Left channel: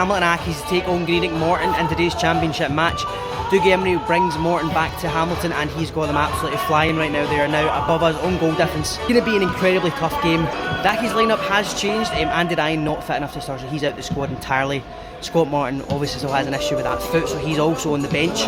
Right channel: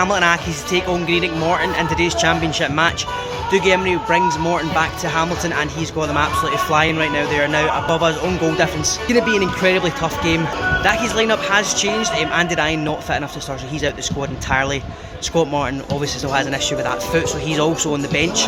Hamilton Accies to take on Greenock Morton in today's championship match. Doug Emery brings Morton back to Hamilton and he's got them absolutely flying right now. They are now above us on goal difference. It's going to be an incredibly tough game. The Accies lineup has changed. Andy Ryan not fit enough to start, so he's out the squad entirely. Scott Morton obviously still has an issue with that foot, so he's also on the bench.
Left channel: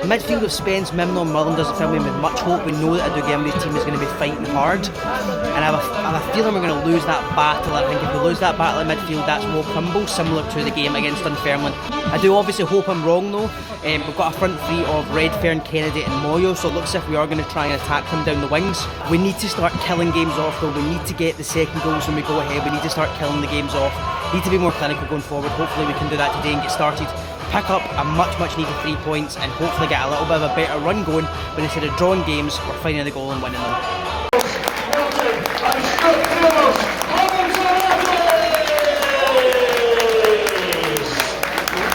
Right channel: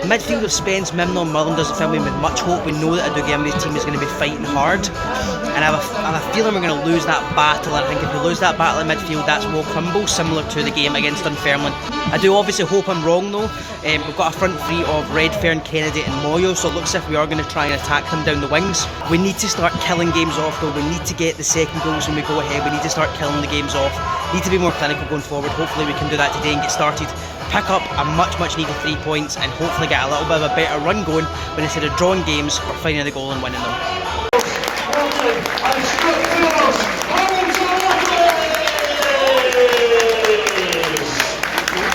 Midfield of Spence, Mimnall and Mullen doesn't fill me with much hope. We know that a Doug Emery's team is going to be fighting hard, and I have a feeling we're going to lose that battle. And I think if we lose that battle in midfield, that's will crumble, similar to the game against Dunfermline. I do obviously hope I'm wrong though. We've got a front three of Redfern, Kennedy and Moyo, so it looks as if we are going to try and attack them down the wings. We need to start killing games off though. We need to get the second goals when we go ahead. We need to start killing the games off. Need to be more clinical going forward. Hopefully we can do that today and get started. Pick up a much needed 3 points and hopefully get a little bit of a better run going when instead of drawing games, we're finding the goal and winning them.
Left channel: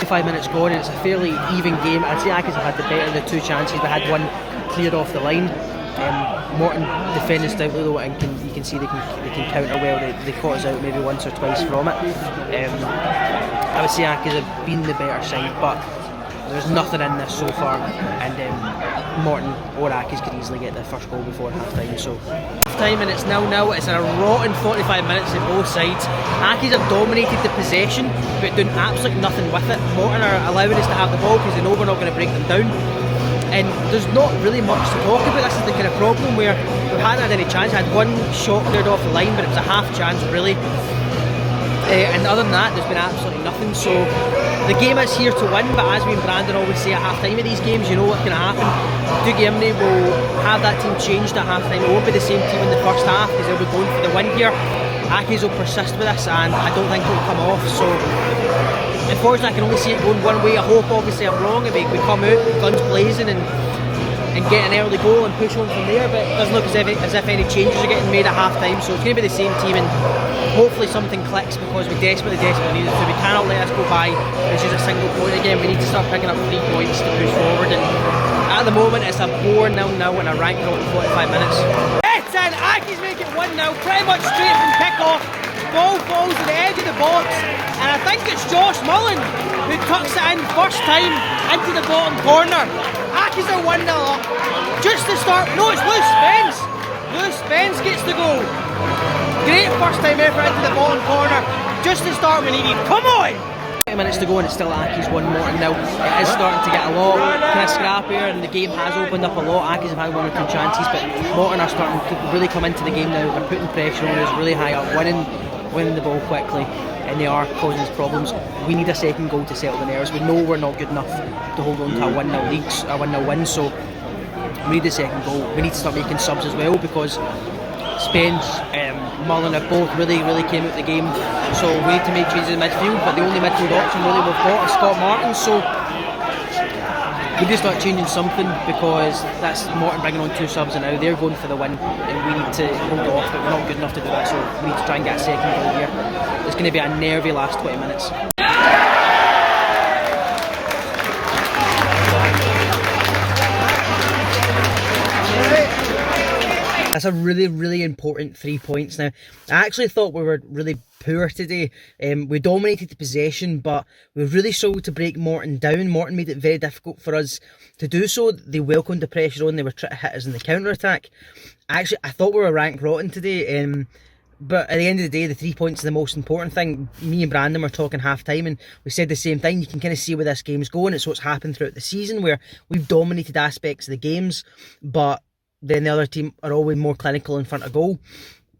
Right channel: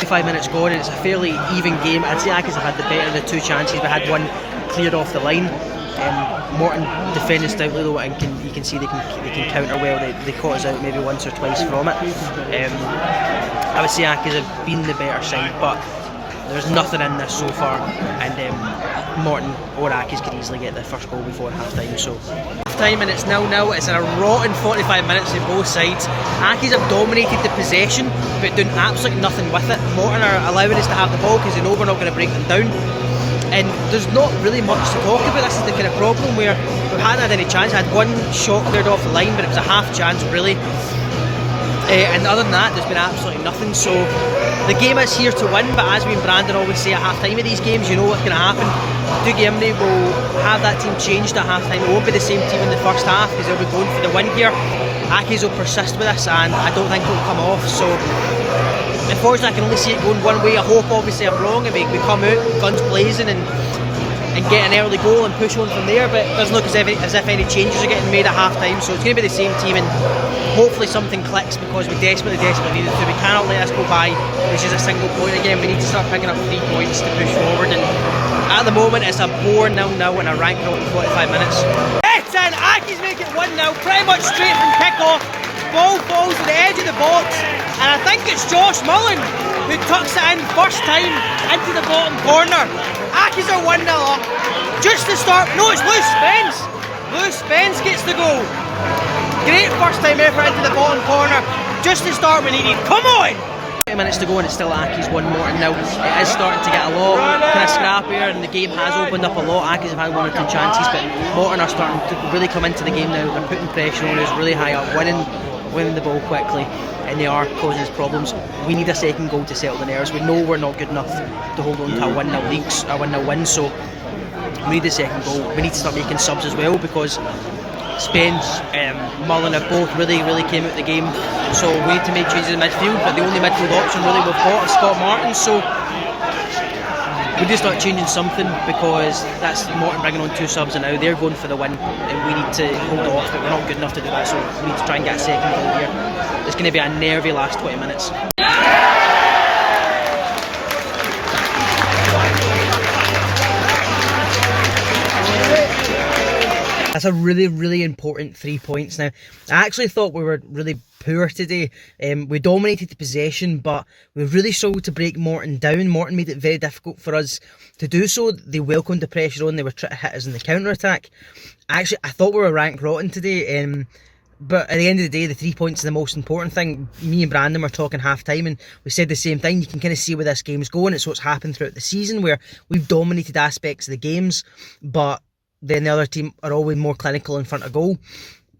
5 minutes gone and it's a fairly even game. I'd say Accies have had the better of the two chances. We had one cleared off the line. Morton defended stoutly though, and you can see they can counter well. They caught us out maybe once or twice from it. I would say Accies have been the better side, but there's nothing in this so far, and Morton or Accies could easily get the first goal before half time. So half time and it's 0-0. It's a rotten 45 minutes on both sides. Accies have dominated the possession but doing absolutely nothing with it. Morton are allowing us to have the ball because they know we're not going to break them down. And there's not really much to talk about. This is the kind of problem where we hadn't had any chance. I had one shot cleared off the line, but it was a half chance really. And other than that, there's been absolutely nothing. So the game is here to win, but as we and Brandon always say at half time of these games, you know what's going to happen. Doug Emery will have that team changed at half time. It won't be the same team in the first half because they'll be going for the win here. Accies will persist with this, and I don't think it'll come off. So unfortunately, I can only see it going one way. I hope obviously I'm wrong and we come out guns blazing and get an early goal and push on from there, but it doesn't look as if any changes are getting made at half time. So it's going to be the same team, and hopefully something clicks because we desperately need it to. We cannot let this go by. It's just a single point again. We need to start picking up 3 points to push forward, and at the moment it's a bore 0-0 and a rank road in 45 minutes. It's in. Accies make it 1-0 pretty much straight from kick-off. Ball falls to the edge of the box, and I think it's Josh Mullen who tucks it in first time into the bottom corner. Accies are 1-0 up. Just to start, no, it's Lewis Spence. Lewis Spence gets the goal. Great first time effort into the bottom corner. Just to start we needed. Come on! 20 minutes to go and it's still Accies 1 Morton now. It is starting to get a lot kind of scrappier and the game has opened up a lot. Accies have had 1 or 2 chances, but Morton are starting to really come into the game now. They're putting pressure on us really high up, winning the ball quickly, and they are causing us problems. We need a second goal to settle the nerves. We know we're not good enough to hold on to a 1-0 lead, a 1-0 win, so we need the second goal. We need to start making subs as well because Spence and Mullen have both really came out the game, so we need to make changes in midfield, but the only midfield option really we've got is Scott Morton, so we need to start changing something because that's Morton bringing on 2 subs and now they're going for the win and we need to hold off, but we're not good enough to do that, so we need to try and get a second goal here. It's going to be a nervy last 20 minutes. That's a really important 3 points now. I actually thought we were really poor today. We dominated the possession, but we really struggled to break Morton down. Morton made it very difficult for us to do so. They welcomed the pressure on. They were trying to hit us in the counter-attack. Actually, I thought we were rank rotten today. But at the end of the day, the 3 points are the most important thing. Me and Brandon were talking half-time and we said the same thing. You can kind of see where this game's going. It's what's happened throughout the season where we've dominated aspects of the games, but then the other team are always more clinical in front of goal.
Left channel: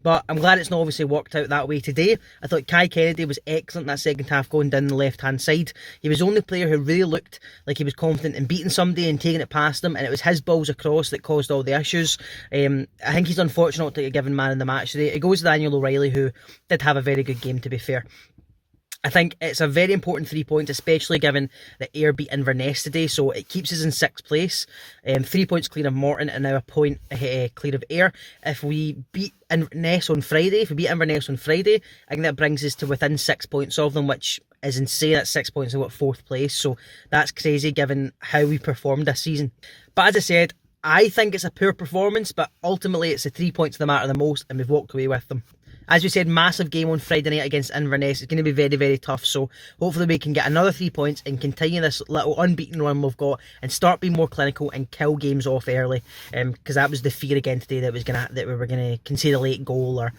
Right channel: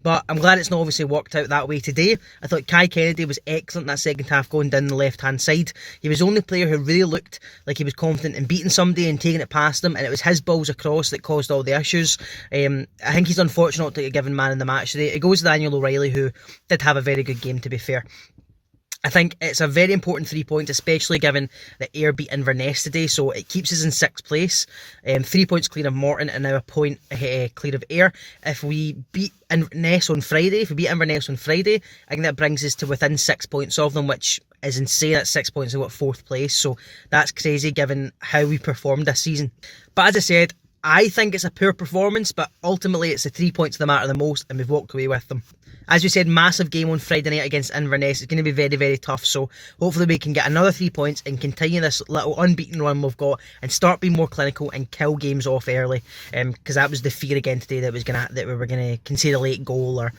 But I'm glad it's not obviously worked out that way today. I thought Kai Kennedy was excellent in that second half going down the left-hand side. He was the only player who really looked like he was confident in beating somebody and taking it past them, and it was his balls across that caused all the issues. I think he's unfortunate to get given man in the match today. It goes to Daniel O'Reilly, who did have a very good game, to be fair. I think it's a very important 3 points, especially given that Ayr beat Inverness today, so it keeps us in 6th place. 3 points clear of Morton and now a point clear of Ayr. If we beat Inverness on Friday, I think that brings us to within 6 points of them, which is insane. That's 6 points of 4th place, so that's crazy given how we performed this season. But as I said, I think it's a poor performance, but ultimately it's the 3 points that matter the most, and we've walked away with them. As we said, massive game on Friday night against Inverness. It's going to be very, very tough. So hopefully we can get another 3 points and continue this little unbeaten run we've got and start being more clinical and kill games off early. Because that was the fear again today, that we were gonna concede a late goal, or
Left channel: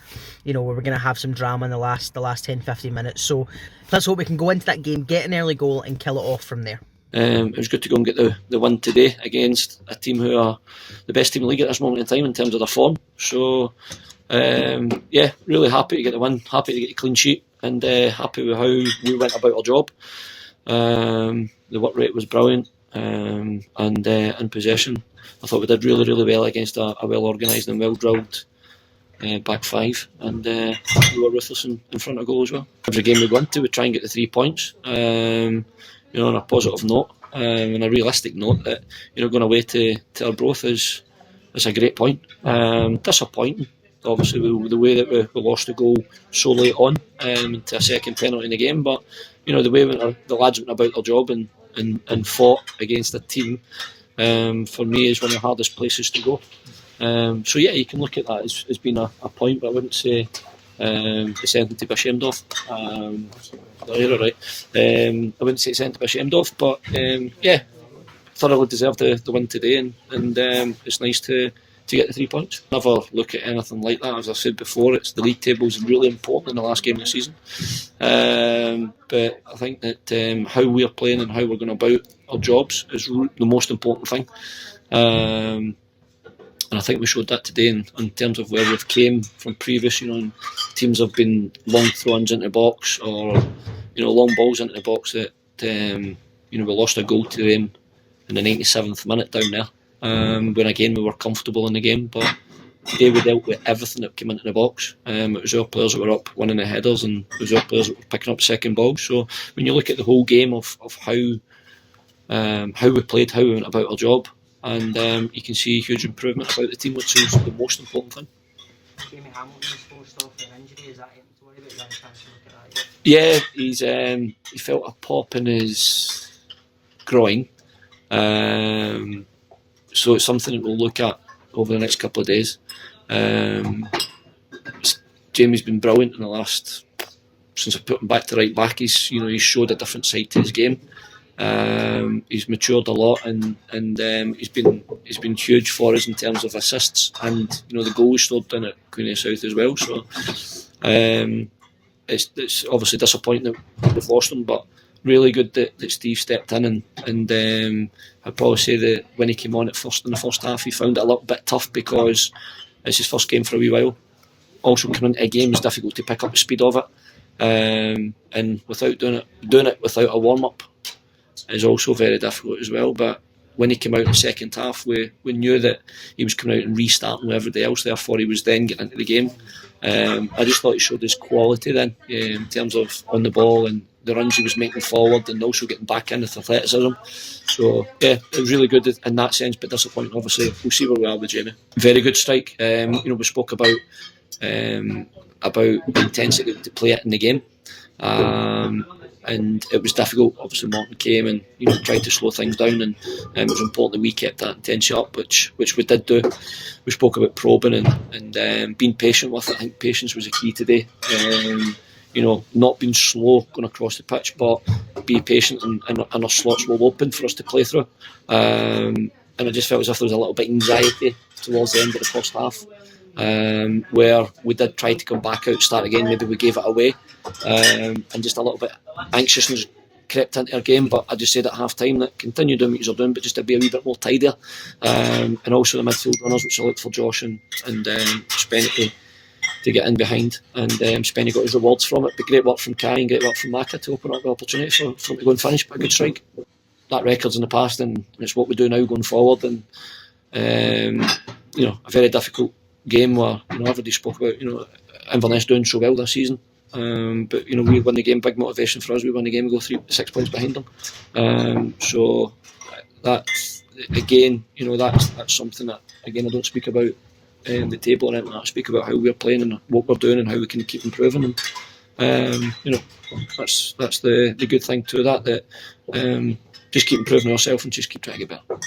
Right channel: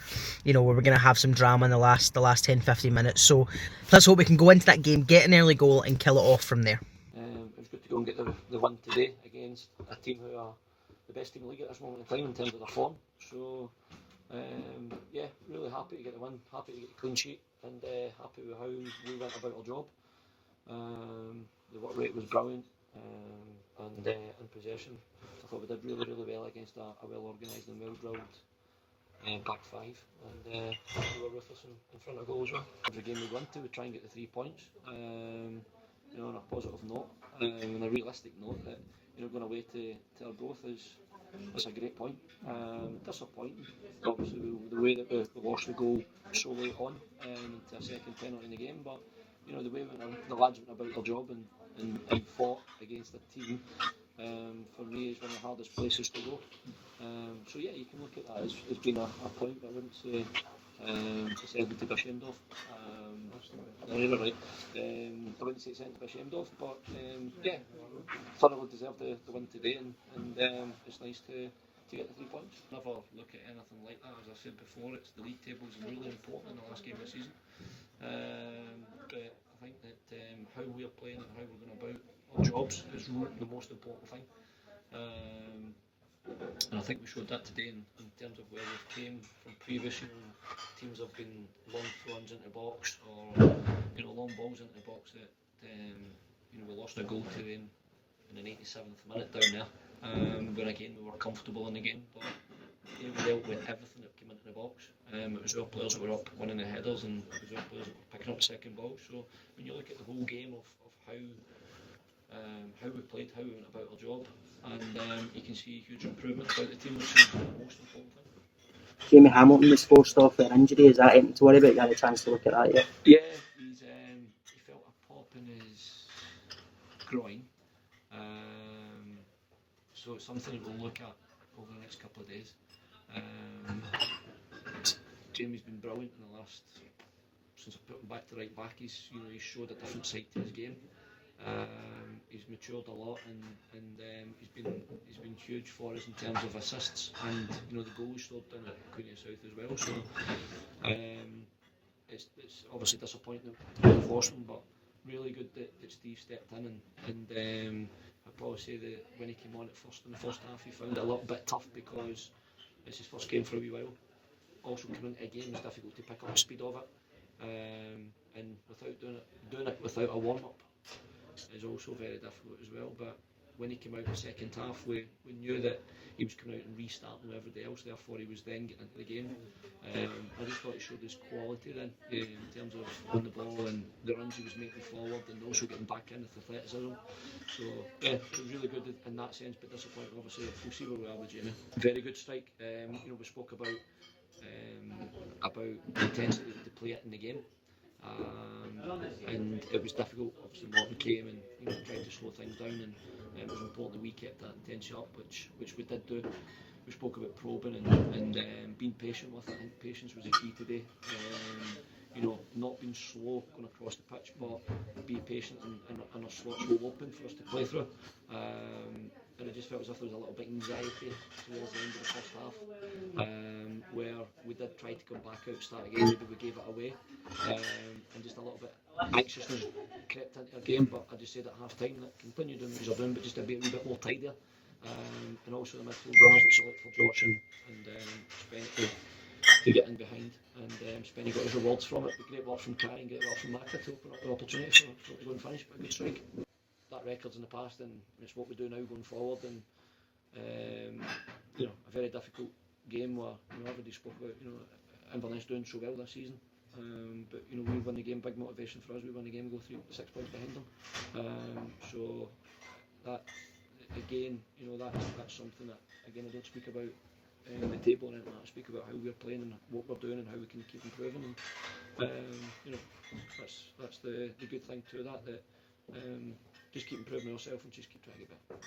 we were gonna have some drama in the last 10-15 minutes. So let's hope we can go into that game, get an early goal, and kill it off from there. It was good to go and get the win today against a team who are the best team in the league at this moment in time in terms of their form. So yeah, really happy to get the win, happy to get a clean sheet, and happy with how we went about our job. The work rate was brilliant, and in possession I thought we did really, really well against a well organised and well drilled back five, and we were ruthless in front of goal as well. Every game we go into, we try and get the 3 points, on a positive note, and a realistic note that going away to Arbroath is a great point. Disappointing, obviously, with the way that we lost the goal so late on to a second penalty in the game, but the way the lads went about their job and fought against a team, for me, is one of the hardest places to go. So yeah, you can look at that as being a point, but I wouldn't say it's anything to be ashamed of. You're right. I wouldn't say it's anything to be ashamed of, but yeah, thoroughly deserved the win today, and it's nice to get the 3 points. Never look at anything like that. As I said before, it's the league table is really important in the last game of the season. But I think that how we're playing and how we're going about our jobs is the most important thing. And I think we showed that today in terms of where we've came from previous. Teams have been long throw-ins into the box, or long balls into the box that we lost a goal to them in the 97th minute down there. When again we were comfortable in the game, but today we dealt with everything that came into the box. It was our players that were up winning the headers, and it was our players that were picking up second balls. So when you look at the whole game of how we played, how we went about our job, and you can see a huge improvement about the team, which is the most important thing. Jamie Hamilton was forced off with an injury. Is that anything to worry about? You had a chance to look at that yet? Yeah, he felt a pop in his groin. So it's something that we'll look at over the next couple of days. Jamie's been brilliant in the last, since I put him back to right back. He's showed a different side to his game. He's matured a lot, and he's been huge for us in terms of assists, and the goal he scored down at Queen of South as well. So it's obviously disappointing that we've lost him, but really good that Steve stepped in, and I'd probably say that when he came on in the first half, he found it a little bit tough because it's his first game for a wee while. Also coming into a game, it's difficult to pick up the speed of it, and without doing it without a warm up is also very difficult as well. But when he came out in the second half, we knew that he was coming out and restarting with everybody else, therefore he was then getting into the game. I just thought he showed his quality then, in terms of on the ball and the runs he was making forward, and also getting back in with athleticism. So yeah, it was really good in that sense, but disappointing obviously. We'll see where we are with Jamie. Very good strike. We spoke about the intensity to play it in the game. And it was difficult. Obviously Morton came and tried to slow things down, and it was important that we kept that intensity up, which we did do. We spoke about probing and being patient with it. I think patience was a key today. Not being slow going across the pitch, but be patient, and our slots will open for us to play through. And I just felt as if there was a little bit of anxiety towards the end of the first half, where we did try to come back out, start again. Maybe we gave it away, and just a little bit anxiousness crept into our game. But I just said at half time that continue doing what you're doing, but just to be a wee bit more tidier, and also the midfield runners, which I looked for Josh and Spenny to get in behind, and Spenny got his rewards from it. But great work from Kai and great work from Maka to open up the opportunity for him to go and finish. But a good strike. That record's in the past, and it's what we do now going forward. And a very difficult game where everybody spoke about Inverness doing so well this season, but we won the game. Big motivation for us. We won the game. We go 6 points behind them. So that again, that's something that again I don't speak about in the table or anything. I speak about how we're playing and what we're doing and how we can keep improving. And that's the good thing to that. Just keep improving ourselves and just keep trying to get better.